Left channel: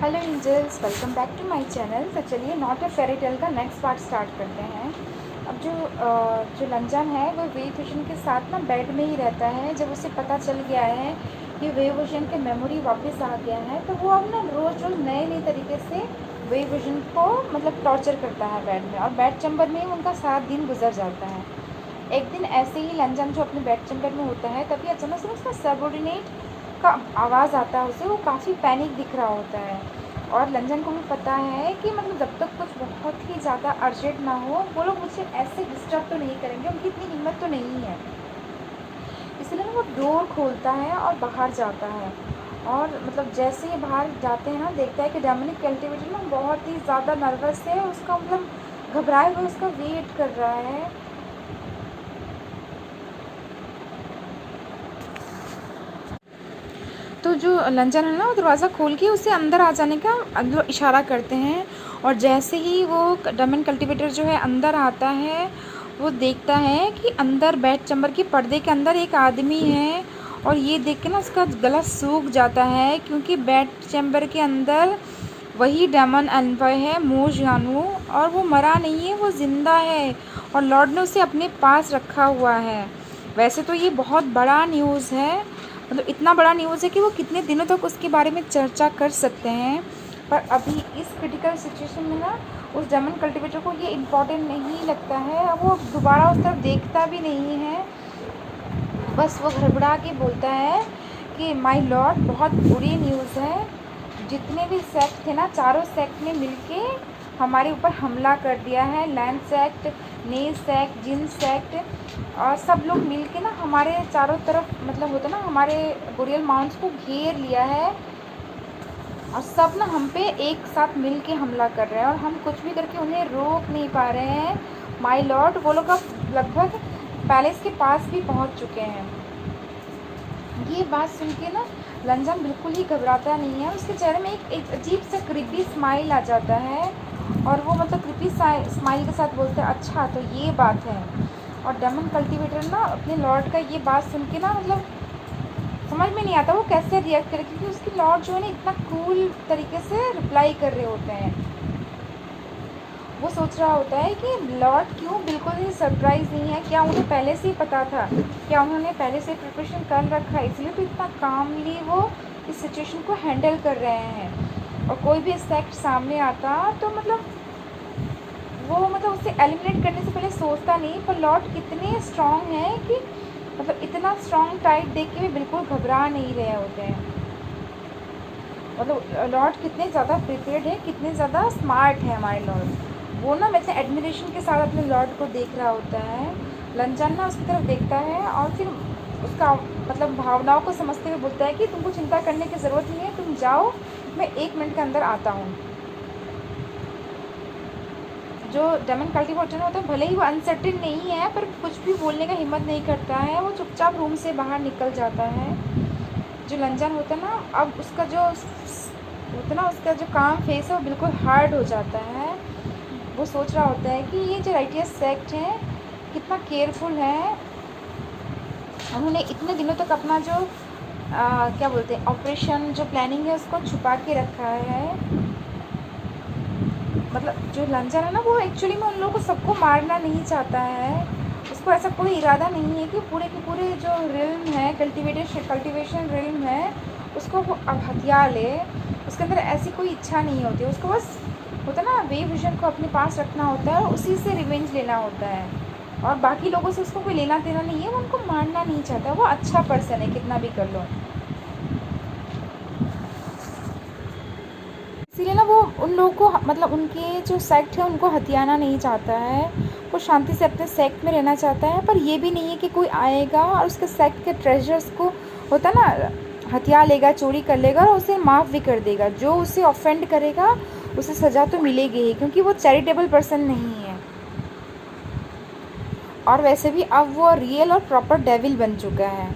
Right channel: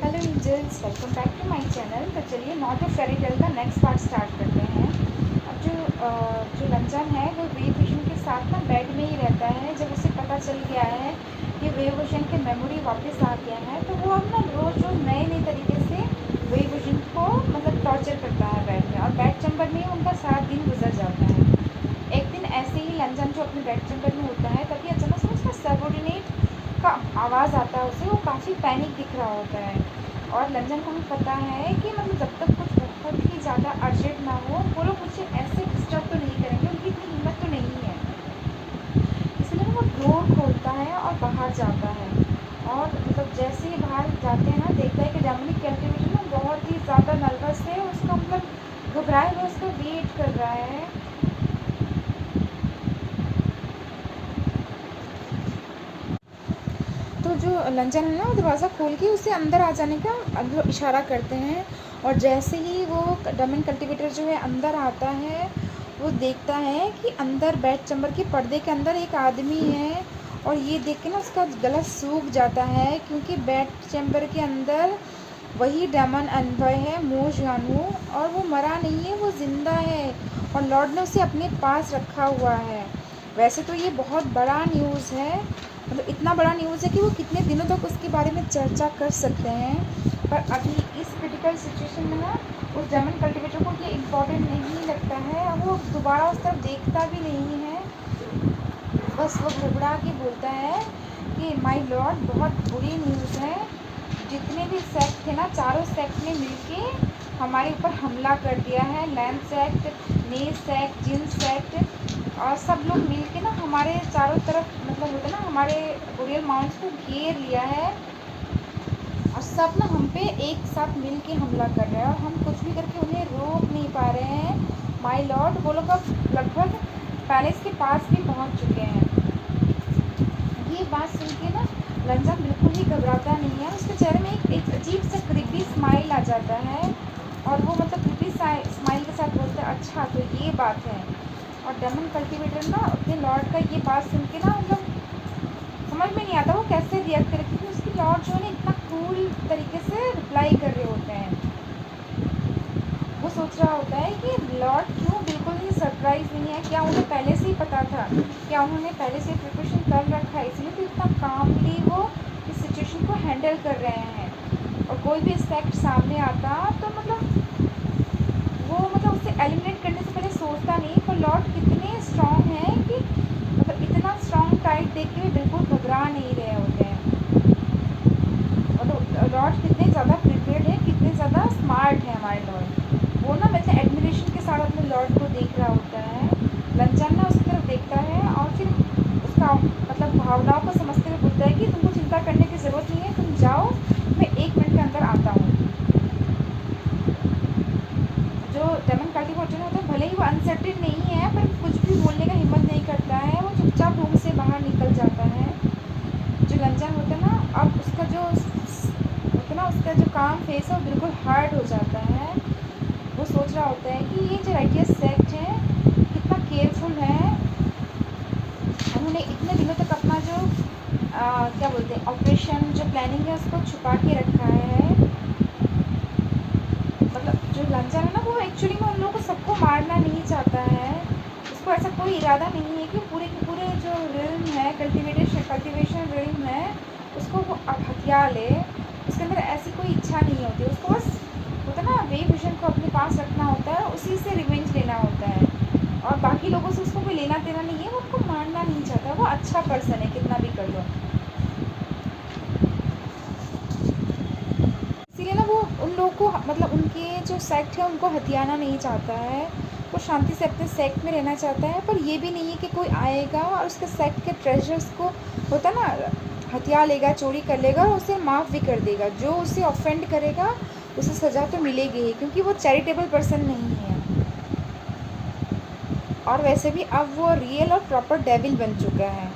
Hello angels, welcome back to my channel. तो चलिए not a fairy tale का next part start करते हैं। अब जो लंजन है वो वे विजन के साथ ना बेड में ही रहता है। जब उसे पता चल गया है कि वे विजन की मेमोरी वापस आ गया है तो वो अब ना रोज़ रोज़ नए नए तरीके से वे विजन को मतलब टॉर्चर करता है बेड में, और बेड चैम्बर में उनका 7 दिन गुजर जाता है। एक दिन ऐसे ही लंजन जो अपने बेड चैम्बर में होता है, तभी अचानक से उसका सबऑर्डिनेट का आवाज़ आता है। उसे वो काफ़ी पैनिक दिख रहा होता है, और लंजन को भी पता है कि मतलब जब तक कुछ बहुत ही ज़्यादा अर्जेंट ना हो वो लोग मुझे ऐसे डिस्टर्ब तो नहीं करेंगे, उनकी इतनी हिम्मत तो नहीं है। इसलिए वो डोर खोलता है और बाहर जाता है। और मतलब जैसे ही बाहर जाते हैं ना, देखता है कि डोमिनिक कल्टिवेटर ना बहुत ही ज़्यादा नर्वस है, उसका मतलब घबराए हुए उसका वेट कर रहा है। तो जो लंजन है ना वो दरवाज़ा खोल के उसे अंदर आ जाने का अंदर इशारा करते हैं, और जैसे ही वो डोमिनिक कल्टिवेटर जो है अंदर आता है, वो देखता है कि अंदर बेड चैम्बर के पर्दे के अंदर एक आदमी है। और ये देख के ना उसका गला सूख जाता है, क्योंकि बेड चैम्बर के अंदर वही डेमन एन्वॉय है, मोज यानू, और वो मरा नहीं है, वो ज़िंदा है, और लॉर्ड ने उसे अपने पास रखा हुआ है। वैसे तो ये बहुत बड़ा न्यूज़ है, मतलब इतना बड़ा न्यूज़ है कि वो कितने दिनों तक उसके बारे में चर्चा कर सकते हैं। पर अभी इस क्रिटिकल सिचुएशन में ना उस डेमन कल्टिवेटर को ये इम्पोर्टेंट नहीं लगता है। अब वो दोबारा उस तरफ देखता भी नहीं है, बस वो घबरा के बोलता है कि माय लॉर्ड, बहुत बुरी न्यूज़ है। जितने भी सेक्ट थे ना, चारों सेक्ट ने मिलके हमारे ऊपर हमला कर दिया है। लैंड सेक्ट, ने सेक्ट, जिन सेक्ट, और सब लोग मिलके ना हमारे चारों तरफ मतलब होता ना हमारे बुरियल माउंट्स को घेर लिया है, और सब ना हम पे एक साथ मिल के हमला कर रहे हैं, और हम कुछ भी करके उन्हें रोक नहीं पा रहे हैं। माय लॉर्ड, वो लोग अब लगभग पैलेस के पास भी पहुंच चुके हैं। ये बात सुन के ना लंजन बिल्कुल ही घबराता नहीं है, उसके चेहरे में एक अजीब सा क्रिपी स्माइल आ जाता है, और वो मतलब क्रिपी स्माइल के साथ बोलते हैं, अच्छा तो ये बात है। और डेमन कल्टिवेटर ना अपने लॉर्ड का ये बात सुन के ना मतलब समझ में नहीं आता वो कैसे रिएक्ट करे, क्योंकि उसके लॉर्ड जो है ना इतना कूल तरीके से रिप्लाई कर रहे होते हैं। वो सोच रहा होता है कि लॉर्ड क्यों बिल्कुल ही सरप्राइज नहीं है, क्या उन्हें पहले से ही पता था, क्या उन्होंने पहले से प्रिपरेशन कर रखा है, इसलिए तो इतना कामली वो इस सिचुएशन को हैंडल कर रहे हैं। और कोई भी एस्पेक्ट सामने आता तो मतलब वो मतलब उसे एलिमिनेट करने से पहले सोचता नहीं। पर लॉर्ड कितने स्ट्रांग हैं कि मतलब इतना स्ट्रांग टाइट देख के भी बिल्कुल घबरा नहीं रहे होते हैं। मतलब लॉर्ड कितने ज़्यादा प्रिपेयर्ड है, कितने ज़्यादा स्मार्ट है हमारे लॉर्ड। वो ना वैसे एडमिरेशन के साथ अपने लॉर्ड को देख रहा होता है। लंचन ना उसकी तरफ देखता है, और फिर उसका मतलब भावनाओं को समझते हुए बोलता है कि तुमको चिंता करने की ज़रूरत नहीं है, तुम जाओ, मैं 1 मिनट के अंदर आता हूँ। जो डेमन कल्टिवेटर होता है, भले ही वो अनसर्टेन नहीं है, पर कुछ भी बोलने का हिम्मत नहीं करता है, वो चुपचाप रूम से बाहर निकल जाता है। जो लंजन होता है ना, अब उसका जो होता है ना, उसका जो काम फेस है वो बिल्कुल हार्ड हो जाता है। वो सोच रहा होता है कि ये जो राइटियस सेक्ट है कितना केयरफुल है, उन्होंने इतने दिनों तक अपना जो क्या बोलते हैं ऑपरेशन जो प्लानिंग है उसको छुपा के रखा है। मतलब जो लंजन है ना वो एक्चुअली में उन लोगों को सबको मारना नहीं चाहता है, उसको ऐसा कोई इरादा नहीं है कि पूरे के पूरे जो रिल्म है कल्टिवेशन रिल्म है उसको वो अब हथिया ले। उसके अंदर ऐसी कोई इच्छा नहीं होती, उसको बस होता है ना वे विजन को अपने पास रखना होता है, उसी से रिवेंज लेना होता है, और बाकी लोगों से उसको कोई लेना देना नहीं है, वो उनको मारना नहीं चाहता। वो अच्छा पर्सन है कितना भी कर लो, इसीलिए ना वो उन लोगों को मतलब उनके जो सेक्ट है उनको हथियाना नहीं चाहता है। वो शांति से अपने सेक्ट में रहना चाहता है, पर ये भी नहीं है कि कोई आएगा और उसके सेक्ट के ट्रेजर्स को होता ना हथिया लेगा, चोरी कर लेगा, और उसे माफ़ भी कर देगा। जो उसे ऑफेंड करेगा उसे सज़ा तो मिलेगी ही, क्योंकि वो चैरिटेबल पर्सन नहीं है। और वैसे भी अब वो रियल और प्रॉपर डेविल बन चुका है।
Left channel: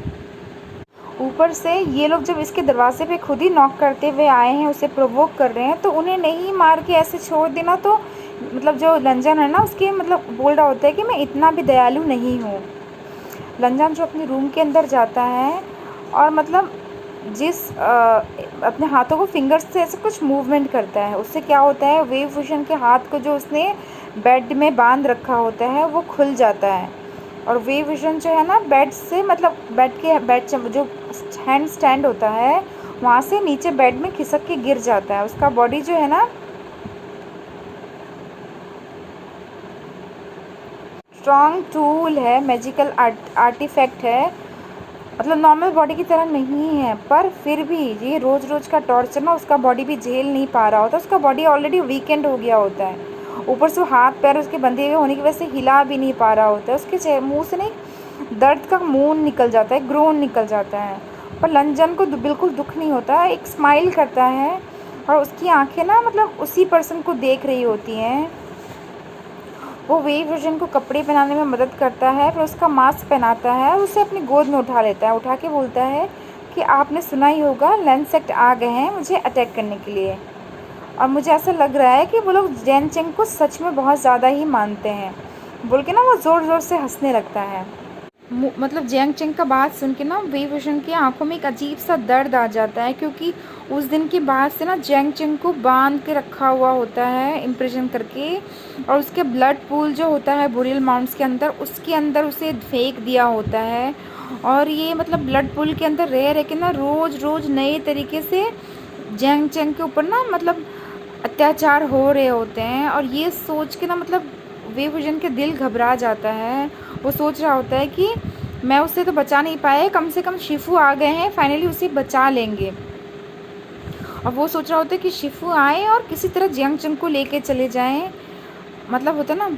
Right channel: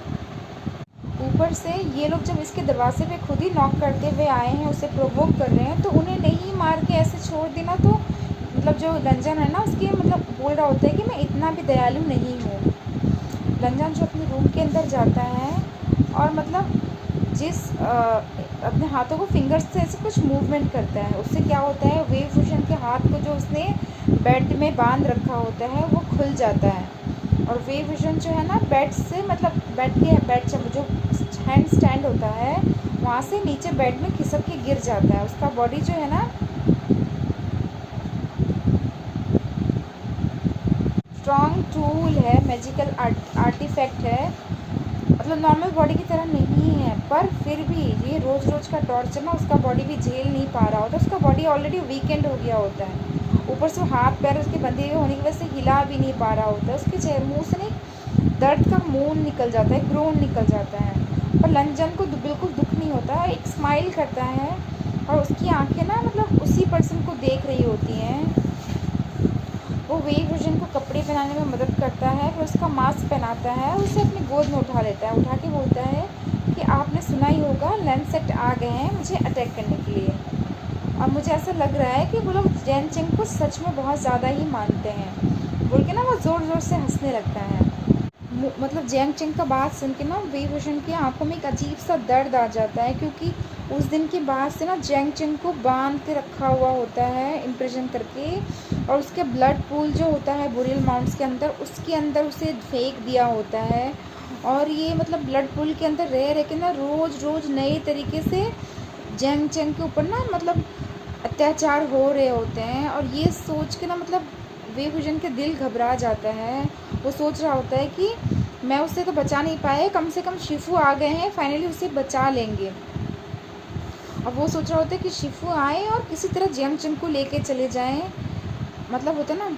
ऊपर से ये लोग जब इसके दरवाजे पे खुद ही नॉक करते हुए आए हैं, उसे प्रोवोक कर रहे हैं, तो उन्हें नहीं मार के ऐसे छोड़ देना तो मतलब जो लंजन है ना उसके मतलब बोल रहा होता है कि मैं इतना भी दयालु नहीं हूँ। लंजन जो अपने रूम के अंदर जाता है, और मतलब जिस अपने हाथों को फिंगर्स से ऐसे कुछ मूवमेंट करता है। उससे क्या होता है, वेव विजन के हाथ को जो उसने बेड में बांध रखा होता है वो खुल जाता है। और वेव विजन जो है ना बेड से, मतलब बेड से जो हैंड स्टैंड होता है वहाँ से नीचे बेड में खिसक के गिर जाता है। उसका बॉडी जो है ना स्ट्रॉन्ग टूल है, मैजिकल आर्टिफैक्ट है, मतलब नॉर्मल बॉडी की तरह नहीं है। पर फिर भी ये रोज़ रोज़ का टॉर्चर ना उसका बॉडी भी झेल नहीं पा रहा होता। उसका बॉडी ऑलरेडी वीकेंड हो गया होता है, ऊपर से हाथ पैर उसके बंधे हुए होने की वजह से हिला भी नहीं पा रहा होता है। उसके मुंह से नहीं दर्द का मून निकल जाता है, ग्रोन निकल जाता है। पर लंजन को बिल्कुल दुख नहीं होता, एक स्माइल करता है और उसकी आंखें ना मतलब उसी पर्सन को देख रही होती हैं। वो वेव विजन को कपड़े पहनाने में मदद करता है, फिर उसका मास्क पहनाता है, उसे अपनी गोद में उठा लेता है, उठा के बोलता है कि आपने सुना ही होगा लैंसेट आ गए हैं मुझे अटैक करने के लिए। और मुझे ऐसा लग रहा है कि वो लोग जैन चेंग को सच में बहुत ज़्यादा ही मानते हैं, बोल के ना वो ज़ोर ज़ोर से हंसने लगता है। मतलब जियांग चेंग का बात सुन के ना वेव विजन की आंखों में एक अजीब सा दर्द आ जाता है, क्योंकि उस दिन के बाद से ना जियांग चेंग को बांध के रखा हुआ होता है इम्प्रिजन करके, और उसके ब्लड पूल जो होता है बुरियल माउंट्स के अंदर, उसके अंदर उसे फेंक दिया होता है। और ये मतलब ब्लड पूल के अंदर रह रह के ना रोज़ रोज़ नए तरीके से जियांग चेंग के ऊपर ना मतलब अत्याचार हो रहे होते हैं। और ये सोच के ना मतलब वेव विजन के दिल घबरा जाता है। वो सोच रहा होता है कि मैं उससे तो बचा नहीं पाए, कम से कम शिफू आ गए हैं, फाइनली उसे बचा लेंगे। और वो सोच रहा होता है कि शिफू आए और किसी तरह जियांग चेंग को लेके चले जाएं, मतलब होता ना।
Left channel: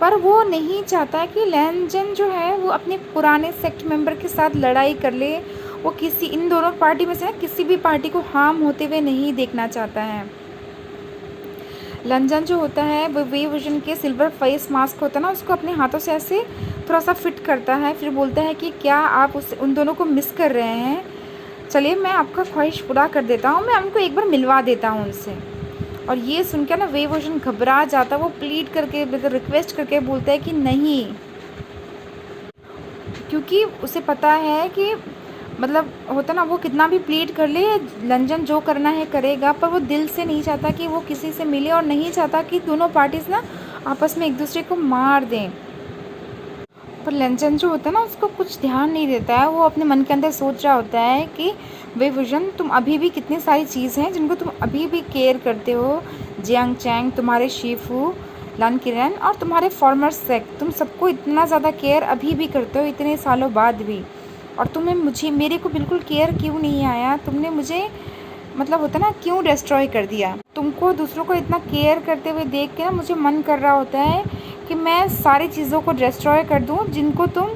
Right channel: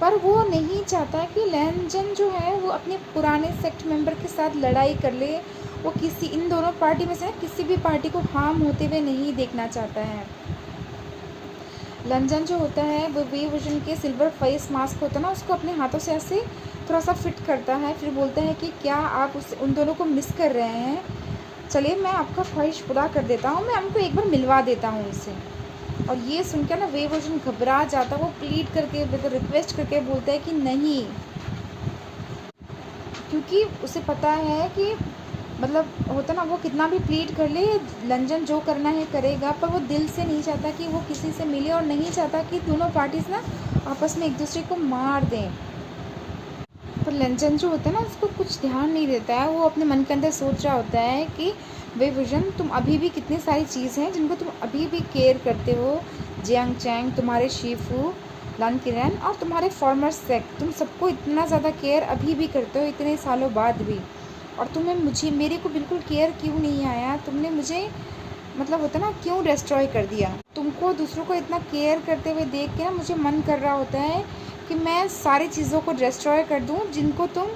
पर वो नहीं चाहता कि लैनजन जो है वो अपने पुराने सेक्ट मेंबर के साथ लड़ाई कर ले। वो किसी इन दोनों पार्टी में से ना किसी भी पार्टी को हार्म होते हुए नहीं देखना चाहता है। लंजन जो होता है वो वेव विजन के सिल्वर फेस मास्क होता है ना, उसको अपने हाथों से ऐसे थोड़ा सा फिट करता है, फिर बोलता है कि क्या आप उन दोनों को मिस कर रहे हैं, चलिए मैं आपका ख्वाहिश पूरा कर देता हूँ, मैं उनको एक बार मिलवा देता हूँ उनसे। और ये सुन के ना वेव विजन घबरा जाता है, वो प्लीड करके रिक्वेस्ट करके बोलता है कि नहीं, क्योंकि उसे पता है कि मतलब होता ना वो कितना भी प्लीड कर ले लंजन जो करना है करेगा, पर वो दिल से नहीं चाहता कि वो किसी से मिले और नहीं चाहता कि दोनों पार्टीज ना आपस में एक दूसरे को मार दें। पर लंजन जो होता है ना उसको कुछ ध्यान नहीं देता है। वो अपने मन के अंदर सोच रहा होता है कि वे विजन तुम अभी भी कितनी सारी चीज़ें हैं जिनको तुम अभी भी केयर करते हो, जियांग चैंग, तुम्हारे शीफू, लन किरण और तुम्हारे फॉर्मर सेक, तुम सबको इतना ज़्यादा केयर अभी भी करते हो इतने सालों बाद भी। और तुम्हें मेरे को बिल्कुल केयर क्यों नहीं आया, तुमने मुझे मतलब होता ना क्यों डिस्ट्रॉय कर दिया। तुमको दूसरों को इतना केयर करते हुए देख के ना मुझे मन कर रहा होता है कि मैं सारी चीज़ों को डिस्ट्रॉय कर दूं जिनको तुम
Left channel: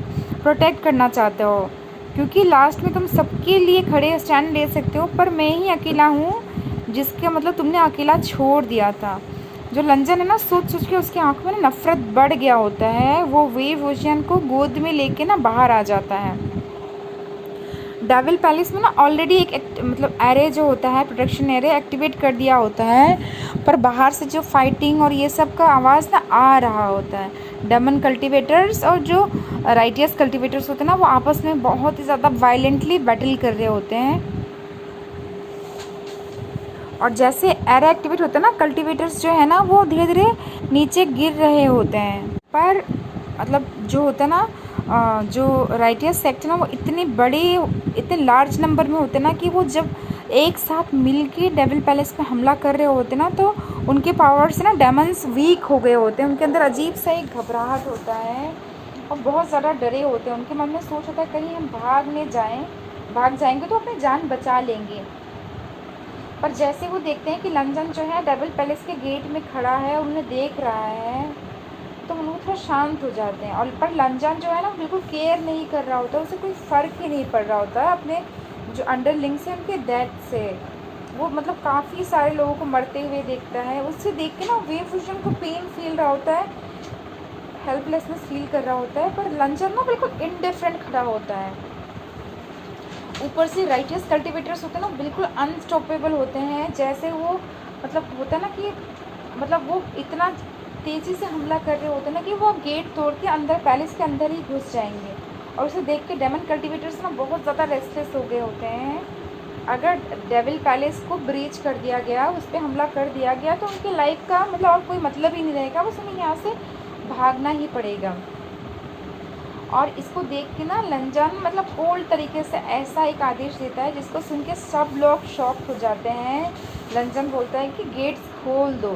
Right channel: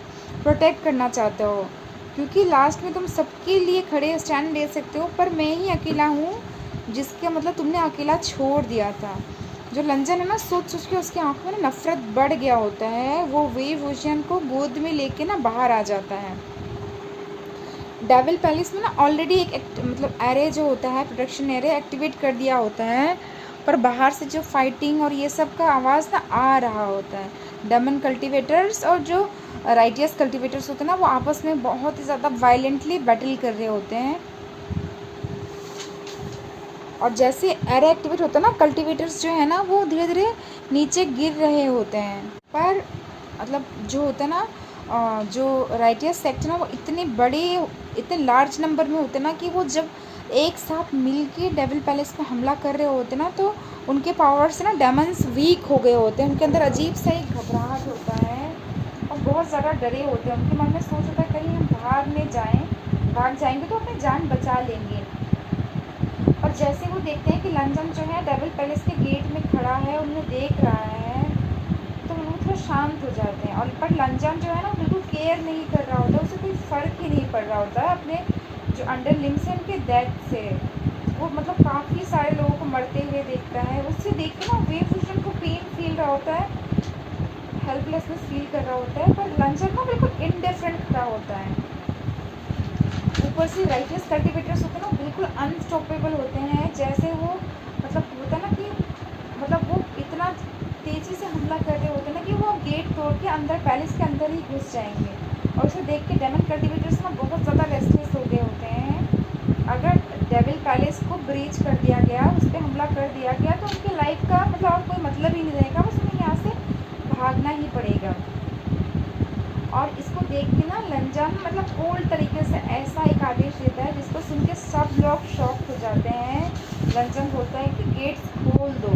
प्रोटेक्ट करना चाहते हो, क्योंकि लास्ट में तुम सबके लिए खड़े स्टैंड ले सकते हो, पर मैं ही अकेला हूँ जिसका मतलब तुमने अकेला छोड़ दिया था। जो लंजन है ना सोच सोच के उसकी आंखों में ना नफरत बढ़ गया होता है। वो वेव ओशियन को गोद में लेके ना बाहर आ जाता है। डेविल पैलेस में ना ऑलरेडी एक मतलब एरे जो होता है प्रोटेक्शन एरे एक्टिवेट कर दिया होता है, पर बाहर से जो फाइटिंग और ये सब का आवाज़ ना आ रहा होता है। डेमन कल्टिवेटर्स और जो राइटियस कल्टिवेटर्स होते हैं ना वो आपस में बहुत ही ज़्यादा वायलेंटली बैटल कर रहे होते हैं। और जैसे एरे एक्टिवेट होते हैं ना कल्टिवेटर्स जो है ना वो धीरे धीरे नीचे गिर रहे होते हैं। पर मतलब जो होता है ना जो राइटियस सेक्ट ना वो इतने बड़े इतने लार्ज नंबर में होते ना कि वो जब एक साथ मिलके डेविल पैलेस पे हमला कर रहे होते ना तो उनके पावर से ना डेमन्स वीक हो गए होते हैं। उनके अंदर अजीब सा एक घबराहट होता है और बहुत ज़्यादा डरे होते हैं। उनके मन में सोच होता है कहीं हम भाग जाएंगे तो अपनी जान बचा लेंगे। पर जैसे वो देखते हैं कि लंजन जो है डेविल पैलेस के गेट में खड़ा है, उन्हें देख रहा है, तो वो थोड़ा शांत हो जाते हैं। और पर लंजन जो है ना बिल्कुल केयर नहीं कर रहा होता, उसे कोई फ़र्क ही नहीं पड़ रहा होता है अपने जो अंडरलिंग्स है उनके डेथ से। वो मतलब काफ़ी सारे लोगों को मरते हुए देखता है। उससे देख के ना वेव विजन को पेन फील रहा होता है, हेल्पलेसनेस फील कर रहा होता है, पर लंजन ना बिल्कुल इनडिफरेंट खड़ा होता है। ऊपर से राइटियस कल्टिवेटर्स होते हैं ना बिल्कुल अनस्टॉपेबल होते हैं। जैसे वो मतलब होता है ना कि मतलब वो इतना तेज़ी से हमला कर रहे होते हैं ना कि वो गेट तोड़ के अंदर पैलेस के अंदर ही घुस जाएंगे। और उसे देख के डेमन कल्टिवेटर्स ना बहुत ज़्यादा रेस्टलेस हो गए होते हैं। अगर डेविल पैलेस को ब्रीच कर दिया गया, उस पर हमला कर दिया गया, तो उनकी लाइफ का मतलब और कोई मतलब ही नहीं रहेगा, बस उन्हें यहाँ से भागना ही पड़ेगा। और इसको देख के ना लंजन मतलब कोल्ड तरीके से ऐसा एक आदेश देता है जिसको सुन के सब लोग शॉक हो जाते हैं। लंजन बोलता है कि गेट्स खोल दो।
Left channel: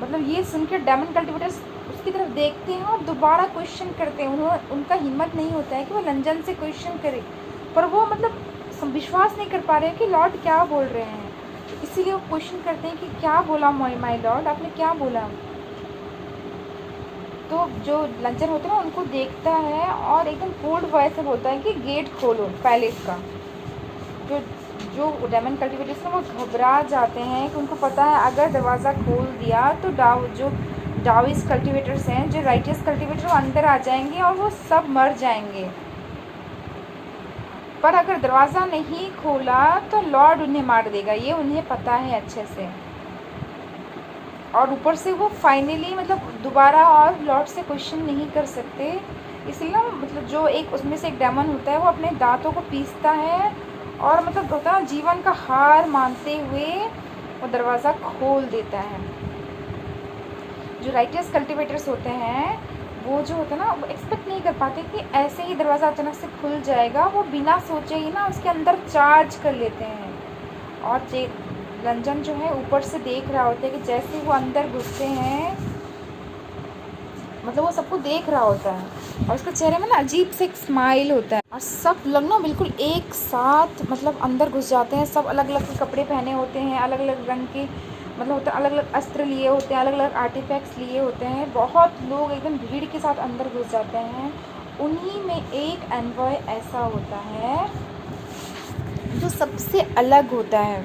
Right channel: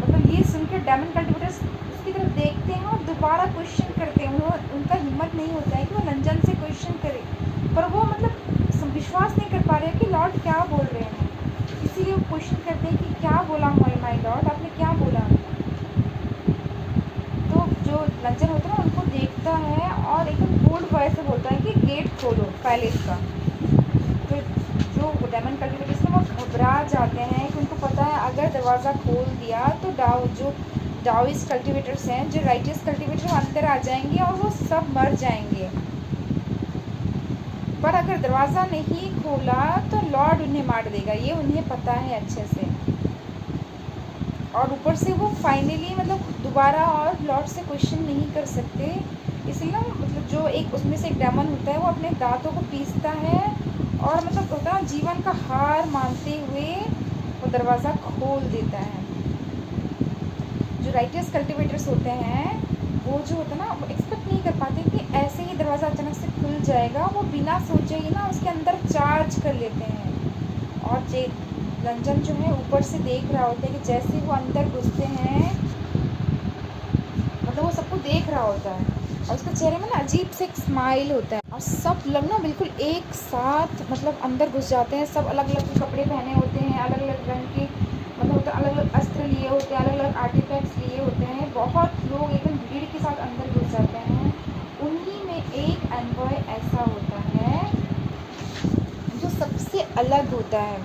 मतलब ये सुन के डेमन कल्टिवेटर्स उसकी तरफ देखते हैं और दोबारा क्वेश्चन करते हैं। उनका हिम्मत नहीं होता है कि वो लंजन से क्वेश्चन करे, पर वो मतलब विश्वास नहीं कर पा रहे हैं कि लॉर्ड क्या बोल रहे हैं। इसीलिए वो क्वेश्चन करते हैं कि क्या बोला माय लॉर्ड, आपने क्या बोला। तो जो लंजन होता है ना उनको देखता है और एकदम बोल्ड वॉइस से बोलता है कि गेट खोलो पैलेस का। जो जो डेमन कल्टिवेटर्स ना वो घबरा जाते हैं कि उनको पता है अगर दरवाज़ा खोल दिया तो जो डाविस कल्टिवेटर्स हैं, जो राइटियस कल्टिवेटर, वो अंदर आ जाएंगे और वो सब मर जाएंगे। पर अगर दरवाज़ा नहीं खोला तो लॉर्ड उन्हें मार देगा, ये उन्हें पता है अच्छे से। और ऊपर से वो फाइनली मतलब दोबारा और लॉर्ड से क्वेश्चन नहीं कर सकते। इसलिए ना मतलब जो एक उसमें से एक डेमन होता है वो अपने दांतों को पीसता है और मतलब होता है जीवन का हार मानते हुए वो दरवाज़ा खोल देता है। जो राइटियस कल्टिवेटर्स होते हैं वो जो होता है ना वो एक्सपेक्ट नहीं कर पाते कि ऐसे ही दरवाज़ा अचानक से खुल जाएगा। वो बिना सोचे ही ना उसके अंदर चार्ज कर लेते हैं। और लंजन जो है ऊपर से देख रहा होता है कि जैसे वो अंदर घुसते हैं मतलब वो सबको देख रहा होता है और उसके चेहरे में ना अजीब से एक स्माइल होता है। और सब लोग ना बिल्कुल एक साथ मतलब अंदर घुस जाते हैं। सब अलग अलग कपड़े पहने होते हैं, अलग अलग रंग के मतलब होता है, अलग अलग अस्त्र लिए होते हैं, अलग अलग आर्टिफैक्ट्स लिए होते हैं। बहुत लोग एकदम भीड़ के साथ अंदर घुस जाते हैं। उन्हीं में एक एनवॉय ऐसा होता है जो सबसे अलग होता है,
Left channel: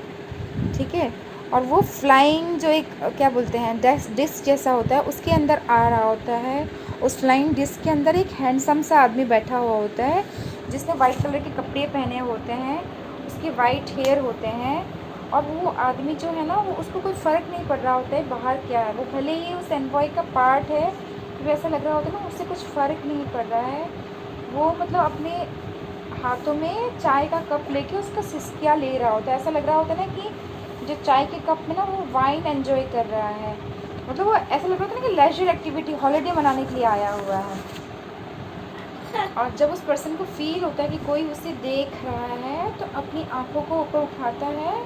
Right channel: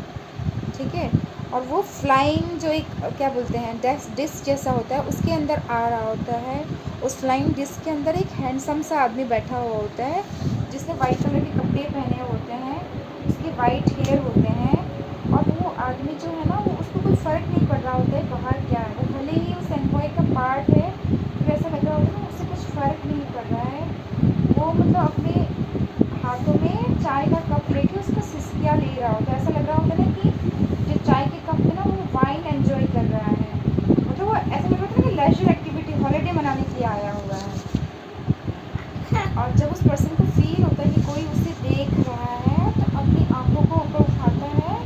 ठीक है। और वो फ्लाइंग जो एक क्या बोलते हैं डिस्क जैसा होता है उसके अंदर आ रहा होता है। उस फ्लाइंग डिस्क के अंदर एक हैंडसम सा आदमी बैठा हुआ होता है जिसने वाइट कलर के कपड़े पहने होते हैं, उसके वाइट हेयर होते हैं। और वो आदमी जो है ना वो उसको कोई फ़र्क नहीं पड़ रहा होता है बाहर क्या है। वो भले ही उस एनवॉय का पार्ट है तो ऐसा लग रहा होता है ना उससे कुछ फ़र्क नहीं पड़ रहा है। वो मतलब अपने हाथों में चाय का कप लेके उसका सिसकिया ले रहा होता है। ऐसा लग रहा होता है ना कि जो चाय के कप में ना वो वाइन एंजॉय कर रहा है। मतलब वो ऐसा लग रहा है कि लेजर एक्टिविटी हॉलिडे मनाने के लिए आया हुआ है। और जब उस पर्सन को फील होता है कि कोई उसे देख रहा है तो अपनी आंखों को ऊपर उठाता है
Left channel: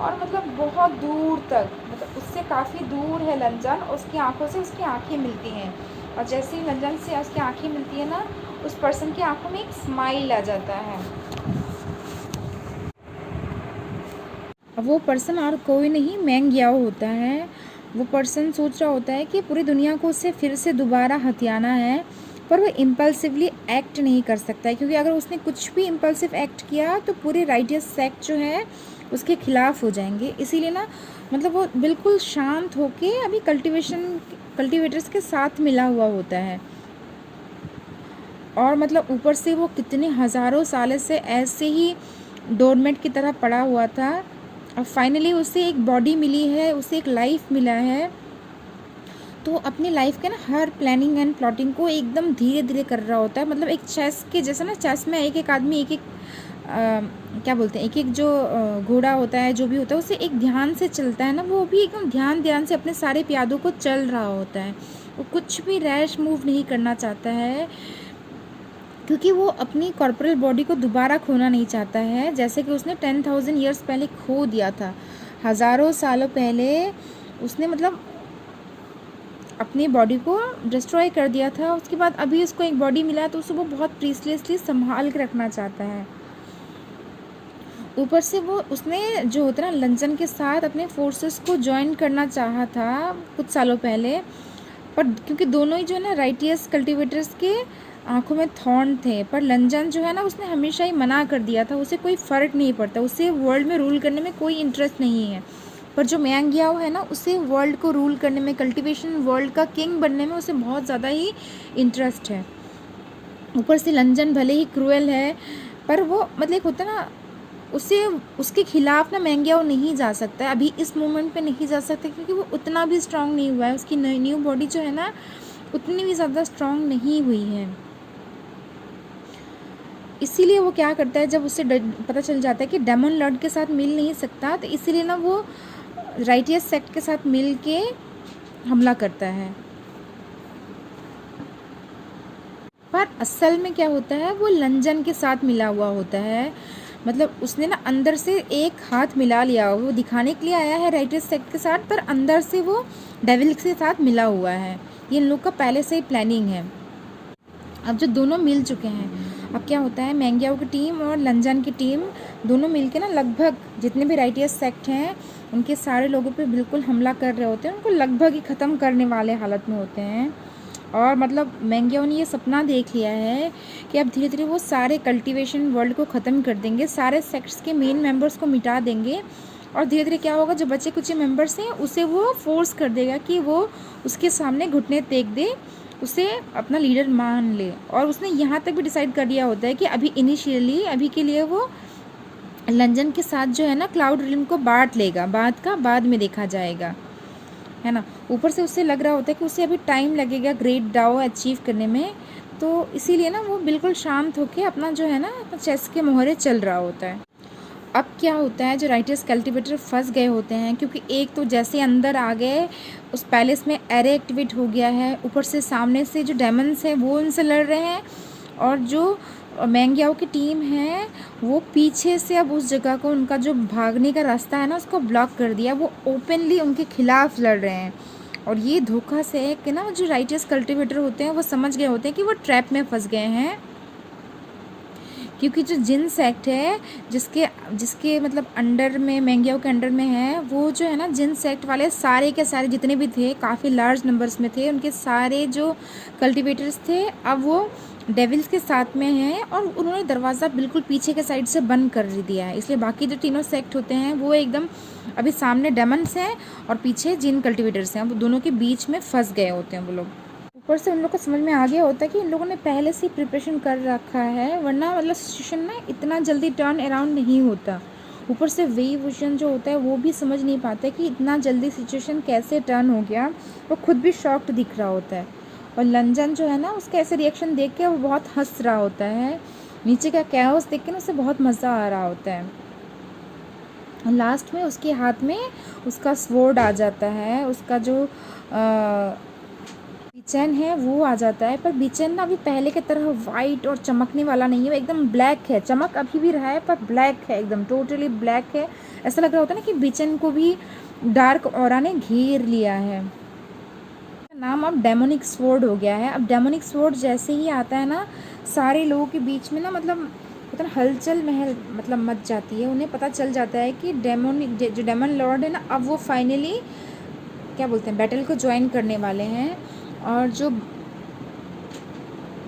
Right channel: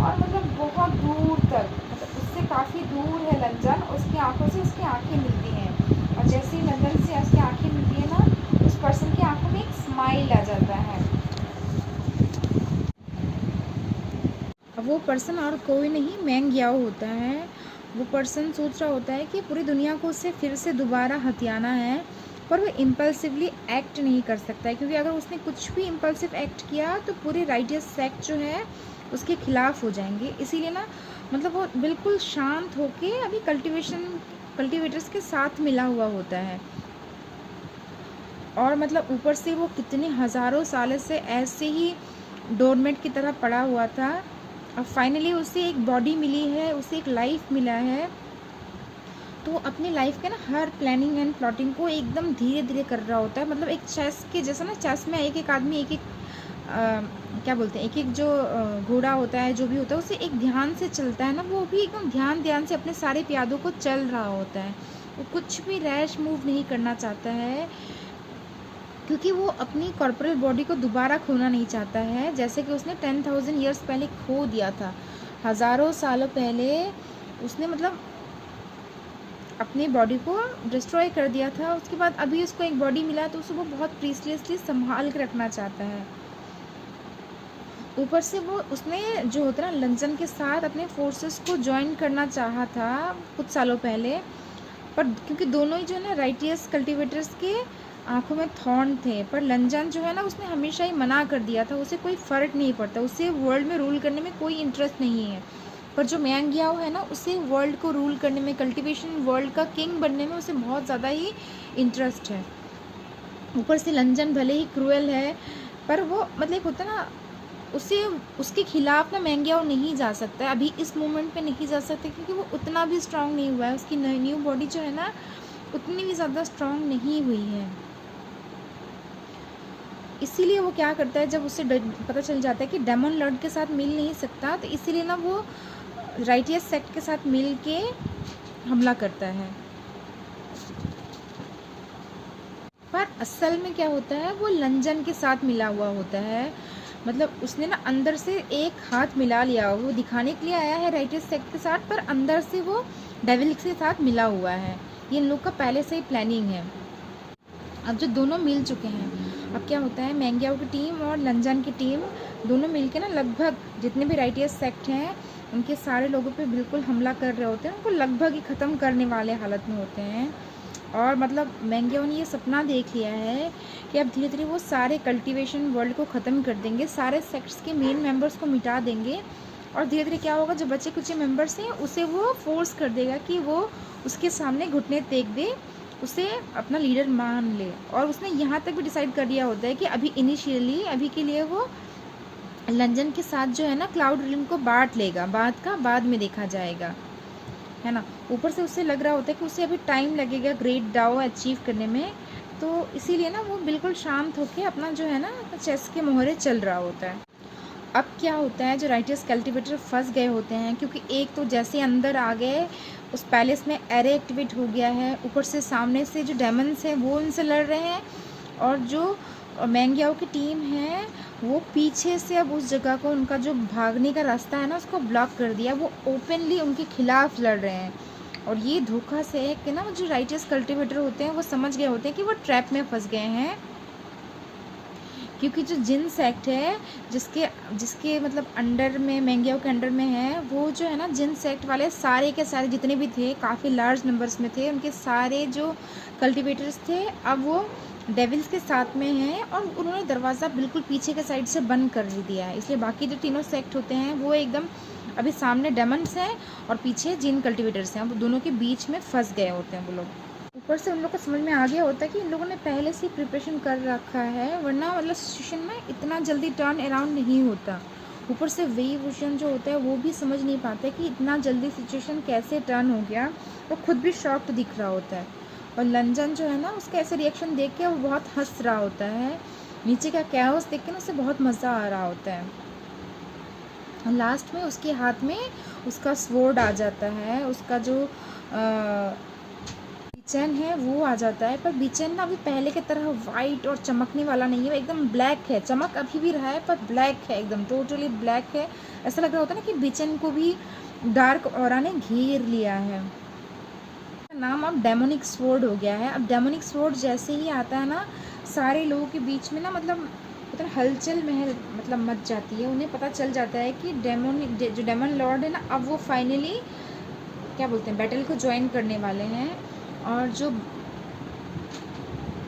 और मतलब बहुत दूर तक मतलब उससे काफ़ी दूर है लंजन, उसकी आंखों से उसकी आंखें मिलती हैं। और जैसे ही लंजन से उसकी आंखें मिलती है ना उस पर्सन की आंखों में एक स्माइल आ जाता है। वो पर्सन और कोई नहीं मैंग याओ होता है। वो पर्सन सोच रहा होता है कि पूरी दुनिया को उससे फिर से दोबारा हथियाना है, पर वो इम्पल्सिवली एक्ट नहीं कर सकता है क्योंकि अगर उसने कुछ भी इम्पल्सिव एक्ट किया तो पूरे राइटियस सेक्ट जो है उसके खिलाफ हो जाएंगे। इसीलिए ना मतलब वो बिल्कुल शांत होके अभी कल्टिवेटर्स के साथ मिला हुआ होता है। और मतलब ऊपर से वो कितने हज़ारों साल से ऐसे ही डोरमेट की तरह पड़ा हुआ था और फाइनली उसे एक बॉडी मिली है, उसे एक लाइफ मिला है। तो अपनी लाइफ के ना हर प्लानिंग एंड प्लॉटिंग को एकदम धीरे धीरे कर रहा होता है। मतलब एक चेस के जैसे ना, चेस में एक एक आदमी एक एक क्या बोलते हैं, एक एक जो घोड़ा होता है जो भी होता है उसे एक ध्यान से चलता है ना, वो भी एकदम ध्यान से अपने सारे प्यादों को चल रहा होता है। वो कुछ भी रैश मूव नहीं करना चाहता है क्योंकि वो अपनी कॉर्पोरल बॉडी को दोबारा खोना नहीं चाहता है, जैसे कि उसने 10,000 ईयर्स पहले खो दिया था। हज़ारों सालों पहले उसने मतलब अपनी बॉडी को डिस्ट्रॉय कर दिया था। उसके बाद अभी उसको एक बॉडी मिला है तो उसे वो बहुत प्रीसियसली संभाल के रखना चाहता है। ऊपर से वो उसने जो होता है ना लंजन के साथ अपने फोर्सेस को ज्वाइन करना चाहा था कुछ सालों पहले, पर क्योंकि दोनों ही जो है ना राइटियस कल्टिवेटर्स के आंखों में थॉर्न थे, पर लंजन जो है ना उसने हमेशा ही मना कर दिया था। उसे कोई फ़र्क नहीं पड़ता, उसे वर्ल्ड में रूल करने में कोई इंटरेस्ट नहीं है। पर जो मैंग याओ है ना उसे वर्ल्ड को रूल करने में, कल्टिवेशन वर्ल्ड का किंग बनने में उसे बहुत ज़्यादा ही इंटरेस्ट है। ऊपर से लंजन भले ही क्रूएल है पर वो मतलब होता है ना उसे उसके खिलाफ ना मैंग याओ नहीं जा सकता है, अभी इस मोमेंट पे नहीं जा सकता क्योंकि वो उतना भी स्ट्रांग नहीं हुआ है। उसकी न्यू बॉडी जो है ना उतनी भी ज़्यादा स्ट्रांग नहीं हुई है। इसीलिए वो क्या करता है, जब उसे पता चल जाता है कि डेमन लॉर्ड के साथ मिल नहीं सकता, तो इसीलिए ना वो राइटियस सेक्ट के साथ मिल के हमला करता है। पर असल में क्या होता है, वो लंजन के साथ मिला हुआ होता है। मतलब उसने ना अंदर से एक हाथ मिला लिया, वो दिखाने के लिए आया है राइटियस सेक्ट के साथ, पर अंदर से वो डेविल के साथ मिला हुआ है। ये इन लोग का पहले से ही प्लानिंग है। अब जो दोनों मिल चुके हैं, अब क्या होता है, मैंग्याओ की टीम और लंजन की टीम दोनों मिलके ना लगभग जितने भी राइटियस सेक्ट हैं उनके सारे लोगों पे बिल्कुल हमला कर रहे होते हैं, उनको लगभग ही ख़त्म करने वाले हालत में होते हैं। और मतलब मैंग्याओ ने ये सपना देख लिया है कि अब धीरे धीरे वो सारे कल्टीवेशन वर्ल्ड को ख़त्म कर देंगे, सारे सेक्ट्स के मेन मेंबर्स को मिटा देंगे, और धीरे धीरे क्या होगा, जो बचे कुछ मेंबर्स हैं उसे वो फोर्स कर देगा कि वो उसके सामने घुटने टेक दे, उसे अपना लीडर मान ले। और उसने यहाँ तक भी डिसाइड कर दिया होता है कि अभी इनिशियली अभी के लिए वो लंजन के साथ जो है ना क्लाउड रिल्म को बांट लेगा, बाद में देखा जाएगा, है ना। ऊपर से उससे लग रहा होता है कि उसे अभी टाइम लगेगा ग्रेट डाओ अचीव करने में, तो इसीलिए ना वो बिल्कुल शांत होकर अपना जो है ना चेस के मोहरे चल रहा होता है। अब क्या होता है, जो राइटियस कल्टीवेटर फंस गए होते हैं, क्योंकि एक तो जैसे अंदर आ गए उस पैलेस में एरे एक्टिवेट हो गया है, ऊपर से सामने से जो डेमन्स हैं वो उनसे लड़ रहे हैं, और जो मैंग्याओ की टीम है वो पीछे से अब उस जगह को, उनका जो भागने का रास्ता है ना उसको ब्लॉक कर दिया, वो ओपनली उनके खिलाफ लड़ रहे हैं। और ये धोखा से है कि ना जो राइटियस कल्टीवेटर होते हैं वो समझ गए होते हैं कि वो ट्रैप में फंस गए हैं, क्योंकि जो जिन सेक्ट है जिसके जिसके मतलब अंडर में, मैंग्याओ के अंडर में है, वो जो है ना जिन सेक्ट वाले सारे के सारे जितने भी थे, काफ़ी लार्ज नंबर्स में थे, उनके सारे जो कल्टीवेटर्स थे अब वो डेविल्स के साथ में हैं, और उन्होंने दरवाज़ा बिल्कुल पीछे के साइड से बंद कर दिया है। इसलिए बाकी जो तीनों सेक्ट होते हैं वो एकदम अभी सामने डेमन्स हैं और पीछे जिन कल्टीवेटर्स हैं, वो दोनों के बीच में फंस गए होते हैं वो लोग। ऊपर से उन लोग को समझ में आ गया होता है कि इन लोगों ने पहले से ही प्रिपरेशन कर रखा है, वरना मतलब सिचुएशन ना इतना जल्दी टर्न अराउंड नहीं होता। ऊपर से वेई वुशन जो होता है वो भी समझ नहीं पाता कि इतना जल्दी सिचुएशन कैसे टर्न हो गया, वो खुद भी शॉक्ड दिख रहा होता है। और लंजन जो है ना उसका ऐसे रिएक्शन देख के वो बहुत हंस रहा होता है, नीचे का कैओस देख के ना उसे बहुत मज़ा आ रहा होता है। और लास्ट में उसके हाथ में उसका स्वॉर्ड आ जाता है, उसका जो बीचन है वो आ जाता है, पर बीचन ना अभी पहले की तरह वाइट और चमकने वाला नहीं है, एकदम ब्लैक है। चमक अभी भी रहा है पर ब्लैक है, एकदम टोटली ब्लैक है। ऐसा लग रहा होता है ना कि बीचन को भी डार्क ऑरा ने घेर लिया है। नाम अब डेमोनिक स्वॉर्ड हो गया है। अब डेमोनिक स्वॉर्ड जैसे ही आता है ना, सारे लोगों के बीच में ना मतलब पता ना हलचल महल मतलब मच जाती है। उन्हें पता चल जाता है कि जो डेमन लॉर्ड है ना, अब वो फाइनली क्या बोलते हैं बैटल को ज्वाइन करने वाले हैं। और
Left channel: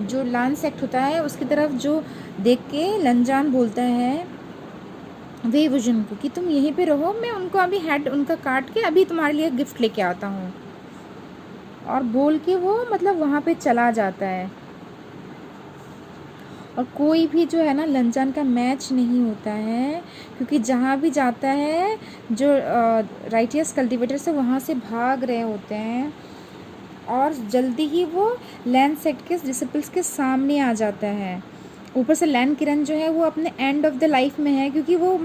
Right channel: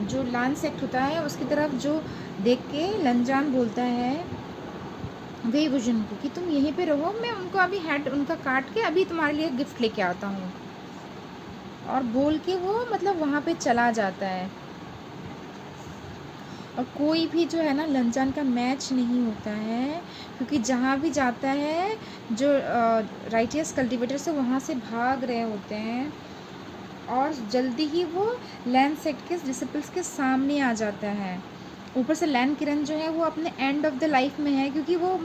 जो लान सेक्ट होता है उसकी तरफ जो देख के लंजान बोलता है वे विजन को कि तुम यहीं पे रहो, मैं उनको अभी हेड उनका काट के अभी तुम्हारे लिए गिफ्ट लेके आता हूँ। और बोल के वो मतलब वहाँ पे चला जाता है। और कोई भी जो है ना लंजान का मैच नहीं होता है, क्योंकि जहाँ भी जाता है जो राइटियस कल्टीवेटर से वहाँ से भाग रहे होते हैं, और जल्दी ही वो लैंड सेक्ट के डिसिपल्स के सामने आ जाता है। ऊपर से लैंड किरण जो है वो अपने एंड ऑफ द लाइफ में है, क्योंकि वो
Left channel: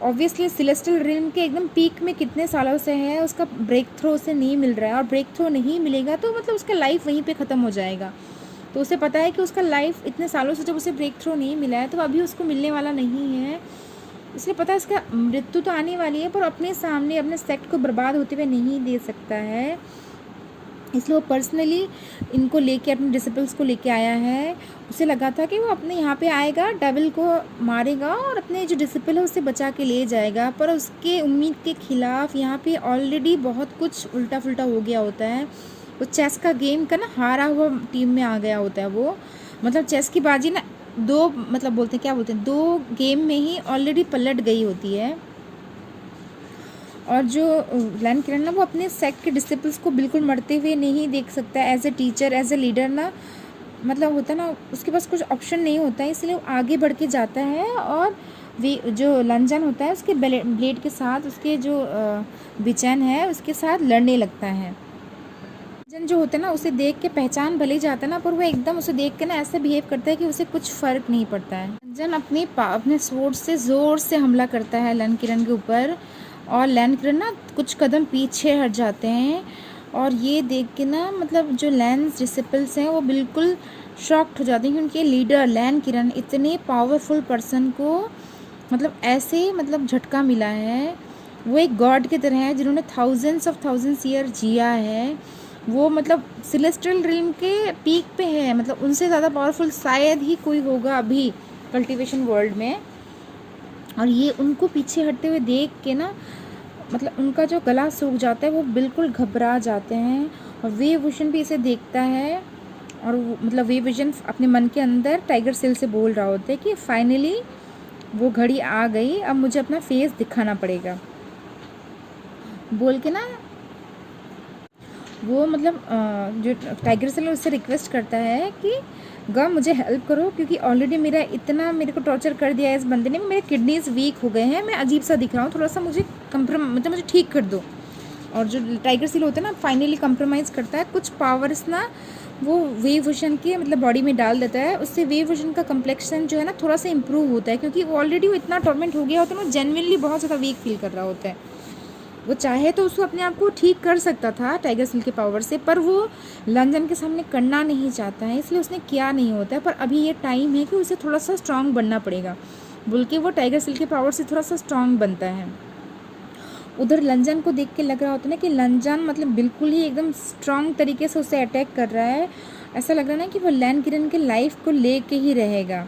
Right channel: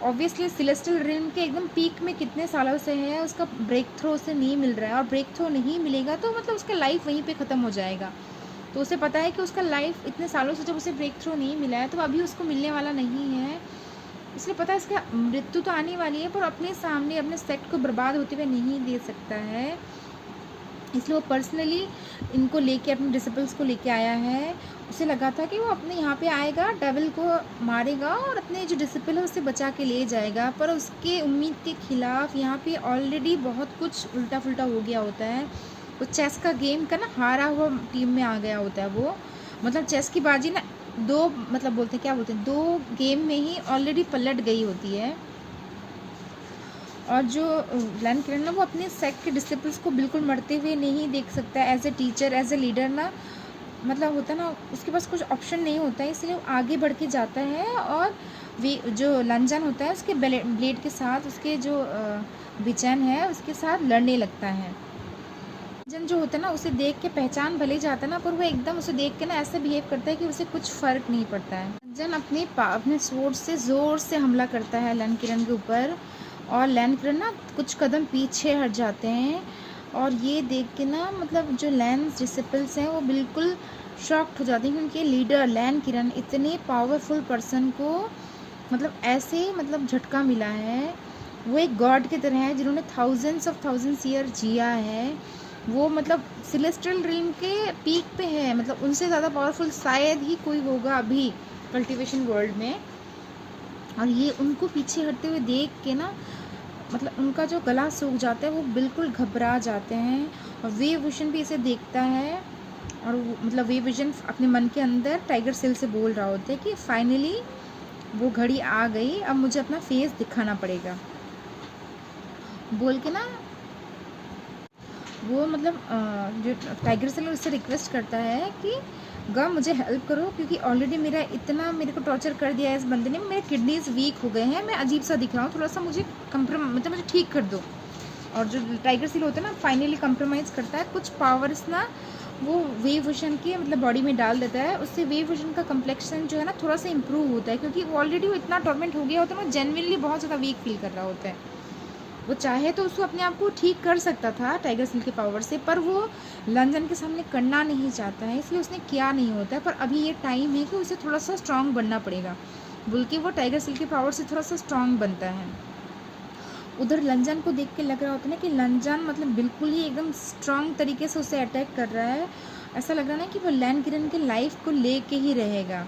ऑब्वियसली सेलेस्टियल रिल्म के एकदम पीक में कितने सालों से है, उसका ब्रेक थ्रो उसे नहीं मिल रहा है, और ब्रेक थ्रो नहीं मिलेगा तो मतलब उसका लाइफ वहीं पे ख़त्म हो जाएगा। तो उसे पता है कि उसका लाइफ इतने सालों से जब उसे ब्रेक थ्रो नहीं मिला है तो अभी उसको मिलने वाला नहीं है, इसलिए पता है इसका मृत्यु तो आने वाली है, पर अपने सामने अपने सेक्ट को बर्बाद होते हुए नहीं दे सकता है। इसलिए वो पर्सनली इनको लेके अपने डिसिपल्स को लेके आया है। उसे लगा था कि वो अपने यहाँ पे आएगा, डेविल को मारेगा और अपने जो डिसिपल है उससे बचा के ले जाएगा, पर उसके उम्मीद के खिलाफ यहाँ पे ऑलरेडी बहुत कुछ उल्टा फुल्टा हो गया होता है। वो चेस का गेम का ना हारा हुआ टीम में आ गया होता है। वो मतलब चेस की बाजी ना दो मतलब बोलते हैं क्या बोलते हैं 2 गेम में ही ऑलरेडी पलट गई होती है। और जो लैंड किरण ना वो अपने सेक्ट के डिसिपल्स को बिल्कुल मरते हुए नहीं देख सकता as a teacher, as a leader ना, मतलब होता ना उसके पास कुछ ऑप्शन नहीं होता है, इसलिए वो आगे बढ़ के जाता है और वे जो लंजन होता है उसके ब्लेड के साथ उसके जो बिचन है उसके साथ लड़ने लगता है। जो होता है ना उसे देख के पहचान भले ही जाता है ना, पर वो एकदम उसे देख के ना ऐसा बिहेव करता है कि उसे कुछ फ़र्क नहीं पड़ता है। रंजन अपने स्वॉर्ड से ज़ोर से हमला करता है लन किरण के ऊपर, और लैन किरण ना कुछ कदम पीछे हट जाते हैं। और ये देख के ना मतलब जो लैंस डिसिपल्स हैं वो बिल्कुल शॉक्ड हो जाते हैं कि उनके लीडर लैन किरण इतने पावरफुल पर्सन को मतलब ऐसे मतलब झटका मिला है। वो एक गॉड की तरह है जिन्होंने थाउजेंड्स ईयर जिया है। वो मतलब सेलेस्टियल रिल्म के पीक पे है, मतलब उनसे ज़्यादा पावरफुल शायद ही कोई होगा अभी कल्टीवेशन वर्ल्ड में। और ये उनको पीछे हटते हुए देख के ना मतलब उनका जो गला सूख जाता है, वो बिल्कुल घबरा जाते हैं। और वे विजन भी इसे देखता है, और मतलब वे विजन अपने मन के अंदर टाइगर सेल से बोल रहा होता है कि फाइनली वो घड़ी आ गई, अब मुझे अपना फेस दिखाना पड़ेगा बोल के ना वो मतलब जो टाइगर सेल उससे रिक्वेस्ट करता है कि मुझे हेल्प करो, क्योंकि ऑलरेडी मेरे को टॉर्चर कर दिया है इस बंदे ने, मेरे किडनीज वीक हो गए हैं, मैं अजीब सा दिख रहा हूँ, थोड़ा सा मुझे मतलब मुझे ठीक कर दो। और जो टाइगर सेल होता है ना फाइनली कंप्रोमाइज़ करता है, कुछ पावर्स ना वो वेव विजन के मतलब बॉडी में डाल देता है। उससे वेव विजन का कम्प्लेक्शन जो है ना थोड़ा सा इंप्रूव होता है, क्योंकि ऑलरेडी वो इतना टॉर्मेंट हो गया होता है ना, जेन्युइनली बहुत ज़्यादा वीक फील कर रहा होता है। वो चाहे तो उसको अपने आप को ठीक कर सकता था टाइगर सेल के पावर से, पर वो लंदन के सामने करना नहीं चाहता है, इसलिए उसने किया नहीं होता है। पर अभी ये टाइम है कि उसे थोड़ा सा स्ट्रांग बनना पड़ेगा, बल्कि वो टाइगर सेल के पावर से थोड़ा सा स्ट्रांग बनता है। उधर लंजन को देख के लग रहा होता है ना कि लंजन मतलब बिल्कुल ही एकदम स्ट्रांग तरीके से उसे अटैक कर रहा है। ऐसा लग रहा है ना कि वो लैन किरण के लाइफ को लेके ही रहेगा।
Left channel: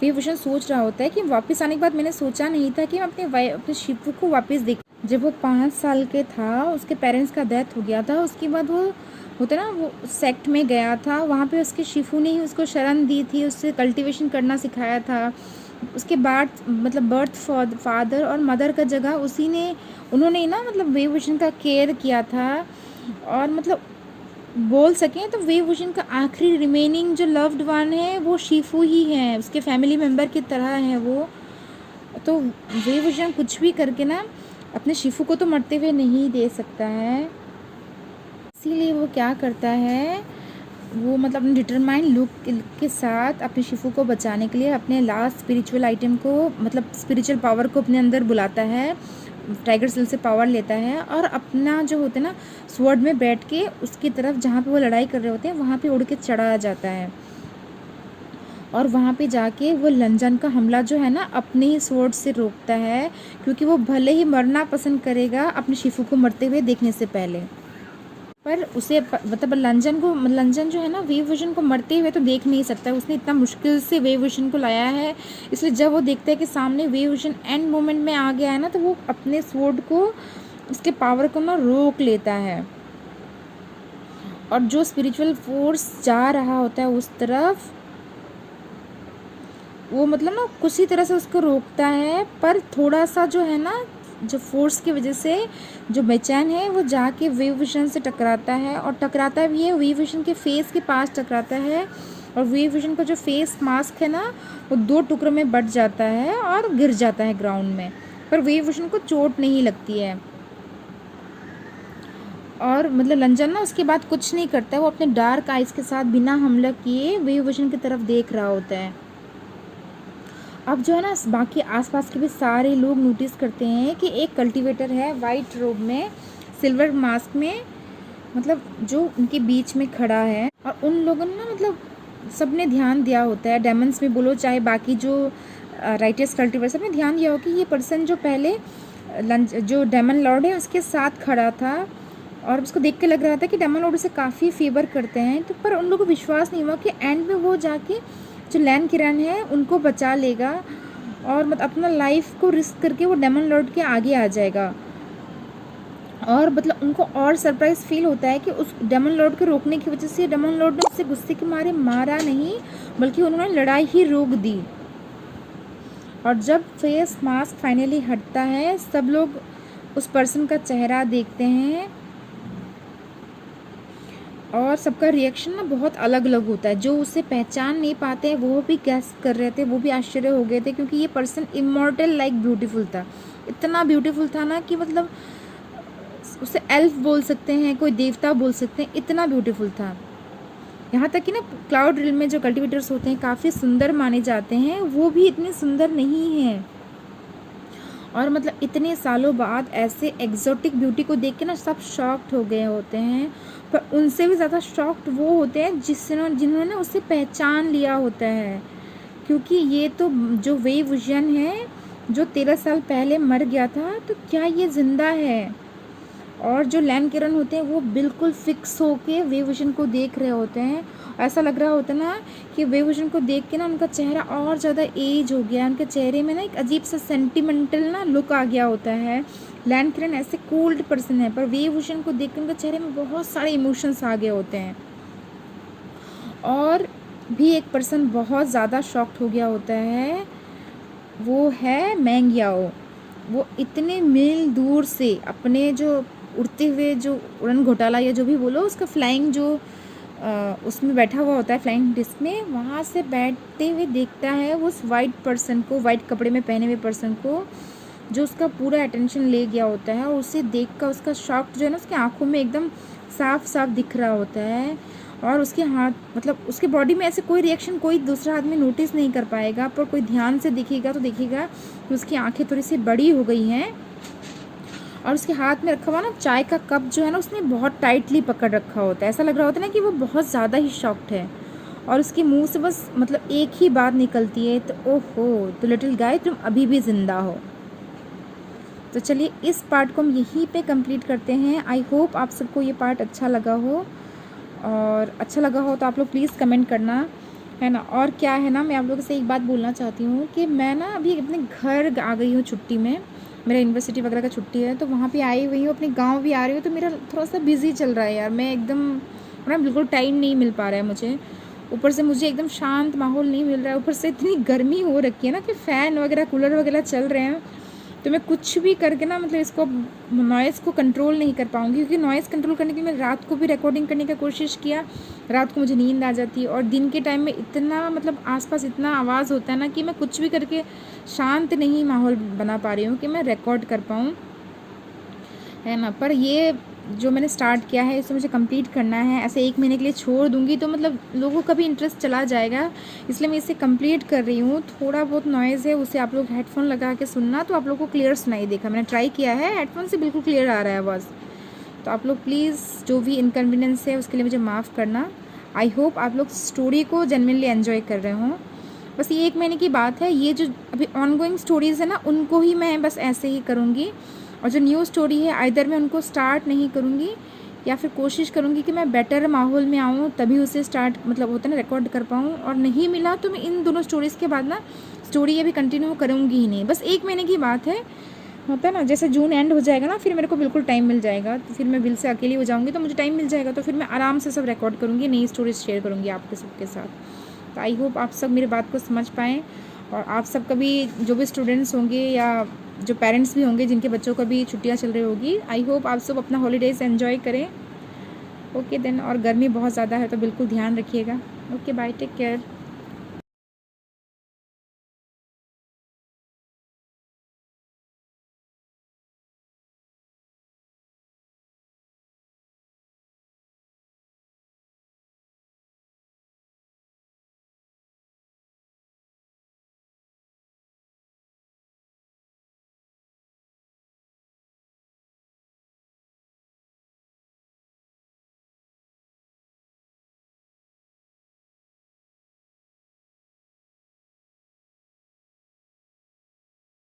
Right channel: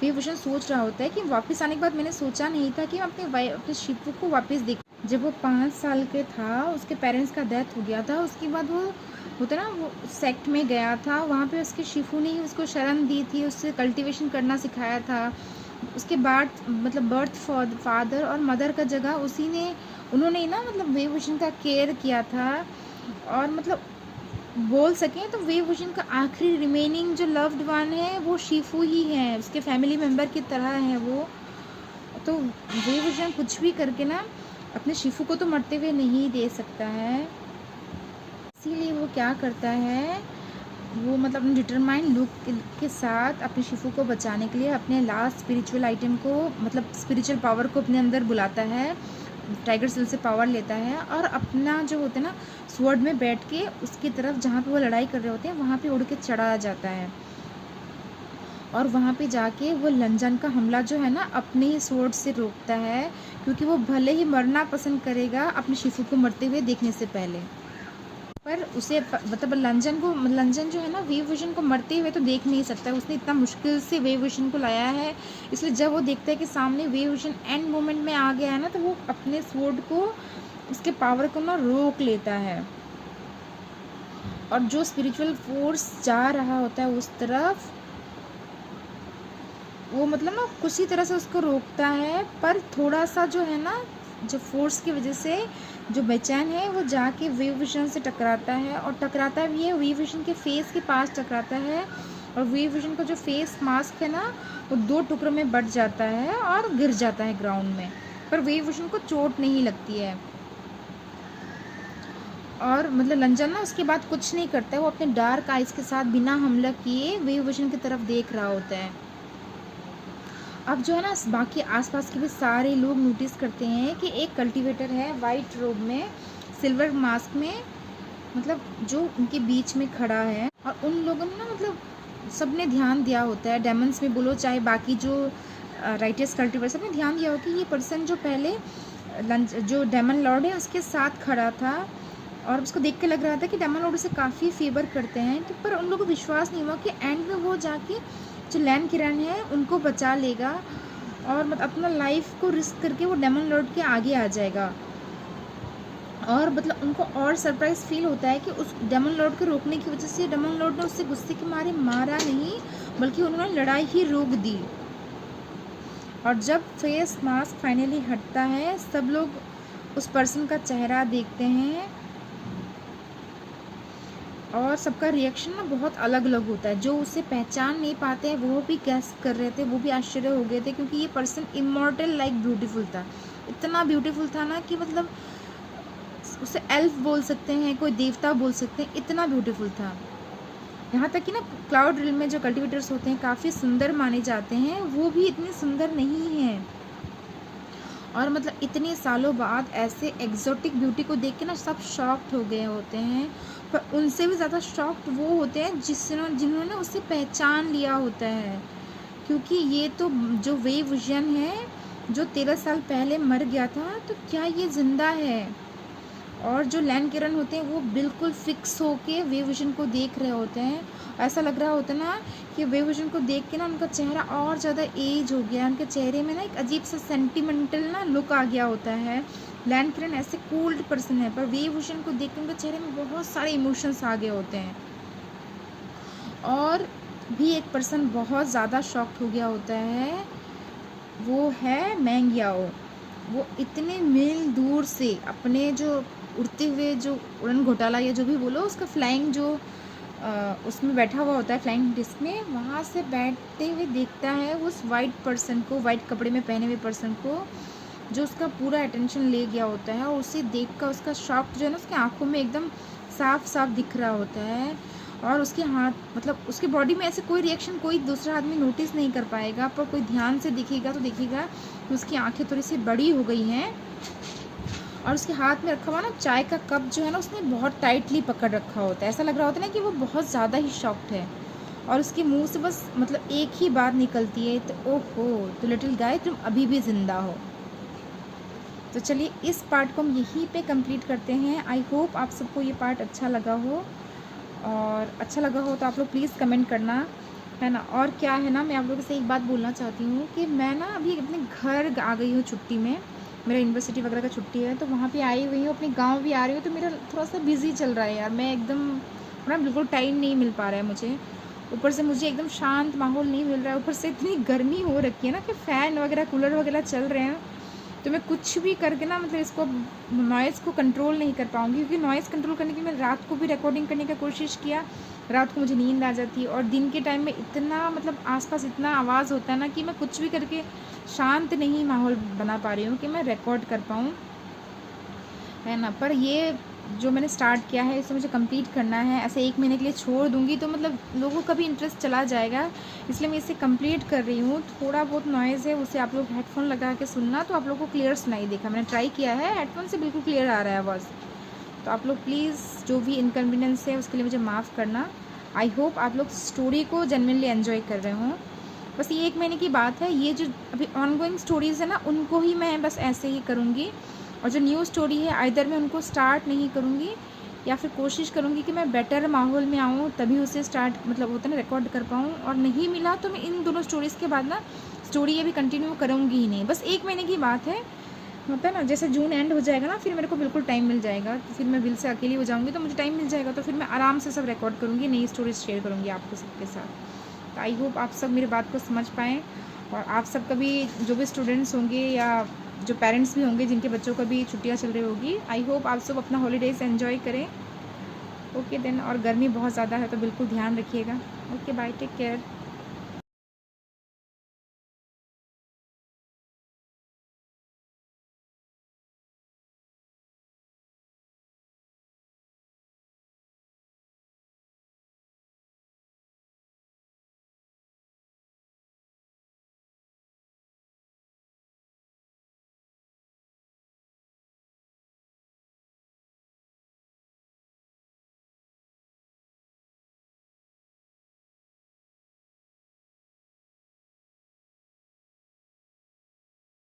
वे विजन सोच रहा होता है कि वापस आने के बाद मैंने सोचा नहीं था कि मैं अपने शिपू को वापस देख। जब वो 5 साल के था उसके पेरेंट्स का डेथ हो गया था, उसके बाद वो होता ना वो सेक्ट में गया था, वहाँ पे उसके शिफू ने ही उसको शरण दी थी, उससे कल्टीवेशन करना सिखाया था। उसके बाद मतलब बर्थ फादर और मदर का जगह उन्होंने ना मतलब वे विजन का केयर किया था। और मतलब बोल सकें तो वे विजन का आखिरी रिमेनिंग जो लव्ड वन है वो शिफू ही है, उसके फैमिली मेम्बर की तरह है वो। तो वे विजन कुछ भी करके ना अपने शिफू को तो मरते हुए नहीं दे सकता है, इसीलिए वो क्या करता है, वो मतलब अपने डिटरमाइंड लुक के साथ अपने शिफू को बचाने के लिए अपने लास्ट स्पिरिचुअल आइटम को मतलब स्पिरिचुअल पावर को अपने अंदर बुलाता है, टाइगर सेल से पावर लेता है, और अपना जो होता है ना स्वॉर्ड में बैठ के उसकी तरफ जहाँ पे वो लड़ाई कर रहे होते हैं वहाँ पे उड़ के चढ़ाया जाता है। और वहाँ पे जाके वो लंजन का हमला जो है ना अपने ही स्वॉर्ड से रोकता है, क्योंकि वो भले ही मरना पसंद करेगा अपने शिफू को मरते हुए देखने से पहले, पर उसे मतलब लंजन जो है ना वेव विजन को मरते हुए तो देख नहीं सकता, उसने इतना मुश्किल से वेव विजन को लाया है। इसलिए जब वो देखता है कि सामने वेव विजन एंड मोमेंट में आ गया है ना, तो वो अपने स्वॉर्ड को उसके पावर को ना रोक लेता है। और जो स्पिरिचुअल फोर्स जा रहा होता है उस तरफ, वो मतलब ना किसी तरह से उसको रोकता है, पर थोड़ा सा जो है ना जो फोर्स की वजह से जो बेचैन है वो जाके वेव विजन से टकराता है, और टकराता भी है वेव विजन के फेस के पास टकराता है। और वेव विजन का जो फेस मास्क है ना वो 2 टुकड़ों में बट जाता है और गिर जाता है ग्राउंड में, पर वेव विजन को चोट नहीं लगती है। और मतलब लंजन ना उसके बाद कुछ नहीं करता है, वो अपने डार्क आइज़ के साथ बिना हमला किए वेव विजन की तरफ देख रहा होता है। अब जो है ना बाकी आसपास के भी सारे लोग नोटिस करते हैं कि एक कल्टीवेटर है वाइट रोब में सिल्वर मास्क में, मतलब जो उनके बीच में खड़ा है। और उन लोगों ने ना मतलब सबने ध्यान दिया होता है, डेमन्स में बोलो चाहे बाकी जो राइटर्स कल्टीवेटर, सबने ध्यान दिया हो कि ये पर्सन जो पहले जो डेमन लॉर्ड है उसके साथ खड़ा था, और उसको देख के लग रहा था कि डेमन लॉर्ड उसे काफ़ी फेवर करते हैं। तो पर उन लोगों को विश्वास नहीं हुआ कि एंड में वो जाके जो लैन किरण है उनको बचा लेगा, और मतलब अपना लाइफ को रिस्क करके वो डेमन लॉर्ड के आगे आ जाएगा। और मतलब उनको और सरप्राइज फील होता है कि उस डेमन लॉर्ड को रोकने की वजह से डेमन लॉर्ड ने उससे गुस्से के मारे मारा नहीं, बल्कि उन्होंने लड़ाई ही रोक दी। और जब फेस मास्क फाइनली हटता है, सब लोग उस पर्सन का चेहरा देखते हैं, और सबका रिएक्शन ना बहुत अलग अलग होता है। जो उसे पहचान नहीं पाते हैं वो भी गैस कर रहे थे, वो भी आश्चर्य हो गए थे, क्योंकि ये पर्सन इमॉर्टल लाइक ब्यूटीफुल था, इतना ब्यूटीफुल था ना कि मतलब उसे एल्फ बोल सकते हैं, कोई देवता बोल सकते हैं, इतना ब्यूटीफुल था। यहाँ तक कि ना क्लाउड रिल में जो कल्टिवेटर्स होते हैं काफ़ी सुंदर माने जाते हैं, वो भी इतने सुंदर नहीं हैं। और मतलब इतने सालों बाद ऐसे एग्जॉटिक ब्यूटी को देख के ना सब शॉक्ड हो गए होते हैं, पर उनसे भी ज़्यादा शॉक्ड वो होते हैं जिन्होंने उसे पहचान लिया होता है। क्योंकि ये तो जो वेव विजन है जो 13 साल पहले मर गया था, तो क्या ये ज़िंदा है? और जो लैंड किरण होते हैं वो बिल्कुल फिक्स होके वेव विजन को देख रहे होते हैं। ऐसा लग रहा होता है ना कि वेव विजन को देख के ना उनका चेहरा और ज़्यादा एज हो गया, उनके चेहरे में ना एक अजीब सा सेंटिमेंटल ना लुक आ गया होता है। लैंड किरण ऐसे कोल्ड पर्सन है, पर वेव विजन को देख के उनके चेहरे में बहुत सारे इमोशंस आ गए होते हैं। और भी एक पर्सन बहुत ज़्यादा शॉक्ड हो गया होता है, वो है मैंग याओ। वो इतने मील दूर से अपने जो उड़ते हुए जो उड़न घोटाला या जो भी बोलो उसका फ्लाइंग जो उसमें बैठा हुआ होता है फ्लाइंग डिस्क में, वहाँ से बैठते हुए देखता है उस वाइट पर्सन को, वाइट कपड़े में पहने हुए पर्सन को, जो उसका पूरा अटेंशन ले गया होता है। और उसे देख कर उसका शॉक जो है ना उसकी आंखों में एकदम साफ साफ दिख रहा होता है। और उसके हाथ मतलब उसके बॉडी में ऐसे कोई रिएक्शन कोई दूसरा आदमी नोटिस नहीं कर पाएगा, पर कोई ध्यान से दिखेगा तो देखेगा कि उसकी आंखें थोड़ी सी बड़ी हो गई हैं। और उसके हाथ में रखा हुआ ना चाय का कप जो है ना उसने बहुत टाइटली पकड़ रखा होता है। ऐसा लग रहा होता है ना कि वो बहुत ज़्यादा ही शॉक्ड है। और उसके मुंह से बस मतलब एक ही बात निकलती है, तो ओहो तो लिटिल गाय तुम अभी भी ज़िंदा हो। तो चलिए इस पार्ट को हम यहीं पे कंप्लीट करते हैं। आई होप आप सबको ये पार्ट अच्छा लगा हो, और अच्छा लगा हो तो आप लोग प्लीज़ कमेंट करना, है ना। और क्या है ना, मैं आप लोगों से एक बात बोलना चाहती हूँ कि मैं ना अभी अपने घर आ गई हूँ छुट्टी में, मेरा यूनिवर्सिटी वगैरह का छुट्टी है, तो वहाँ पे आई हुई हूँ, अपने गांव भी आ रही हूँ। तो मेरा थोड़ा सा बिज़ी चल रहा है यार, मैं एकदम ना बिल्कुल टाइम नहीं मिल पा रहा है मुझे। ऊपर से मुझे एकदम शांत माहौल नहीं मिल रहा है, ऊपर से इतनी गर्मी हो रखी है ना कि फ़ैन वगैरह कूलर वगैरह चल रहे हैं, तो मैं कुछ भी करके ना मतलब इसको नॉइज़ को कंट्रोल नहीं कर पाऊँगी। क्योंकि नॉइज़ कंट्रोल करने के लिए मैं रात को भी रिकॉर्डिंग करने की कोशिश किया, रात को मुझे नींद आ जाती है, और दिन के टाइम में इतना मतलब आसपास इतना आवाज़ होता है ना कि मैं कुछ भी करके शांत नहीं माहौल बना पा रही हूँ कि मैं रिकॉर्ड कर पाऊँ, है ना। पर ये जो मैंने स्टार्ट किया है इसे मुझे कंप्लीट करना है। ऐसे 1 महीने के लिए छोड़ दूँगी तो मतलब लोगों का भी इंटरेस्ट चला जाएगा, इसलिए मैं इसे कंप्लीट कर रही हूँ। थोड़ा बहुत नॉइज़ है उसे आप लोग हेडफोन लगा के सुनना, तो आप लोगों को क्लियर सुनाई देगा। मैंने ट्राई किया है, हेडफोन से बिल्कुल क्लियर आ रहा है आवाज़। तो आप लोग प्लीज़ जो भी इनकन्वीनियंस है उसके लिए मुझे माफ़ करना। आई होप आप लोग स्टोरी को जेन्युइनली एन्जॉय कर रहे हों। बस ये 1 महीने की बात है, ये जो अभी ऑनगोइंग स्टोरीज़ है ना उनको ही मैं बस ऐसे ही करूँगी, और जो न्यू स्टोरी है आइदर मैं उनको स्टार्ट नहीं करूँगी, या फिर कोशिश करूँगी कि मैं बेटर माहौल में आऊँ तभी उसे स्टार्ट मतलब होता है ना रिकॉर्ड कर पाऊँ। और नहीं मिला तो मैं इन दोनों स्टोरीज़ के बाद ना स्टोरी ये भी कंटिन्यू करूँगी ही नहीं। बस 1 महीने की बात है, होता है ना जैसे जून एंड हो जाएगा ना फिर मेरे को बिल्कुल टाइम मिल जाएगा, तो फिर मैं विल से अकेली हो जाऊँगी, तो मुझे टाइम मिल जाएगा, तो फिर मैं आराम से सब रिकॉर्ड करूँगी, नई स्टोरीज शेयर करूँगी आपके सबके साथ। तो आई होप आप सब मेरी बात को समझ पाएँ, और आप सब कभी जो भी स्टूडेंट्स होंगे या जो पेरेंट्स भी होंगे जिनके बच्चों का भी छुट्टियाँ चल रही होगी, आई होप आप सब अपना हॉलीडेज़ एन्जॉय करें। ओके देन, और गर्मी बहुत ज़्यादा है तो बिल्कुल ध्यान रखिएगा। Okay bye, take care.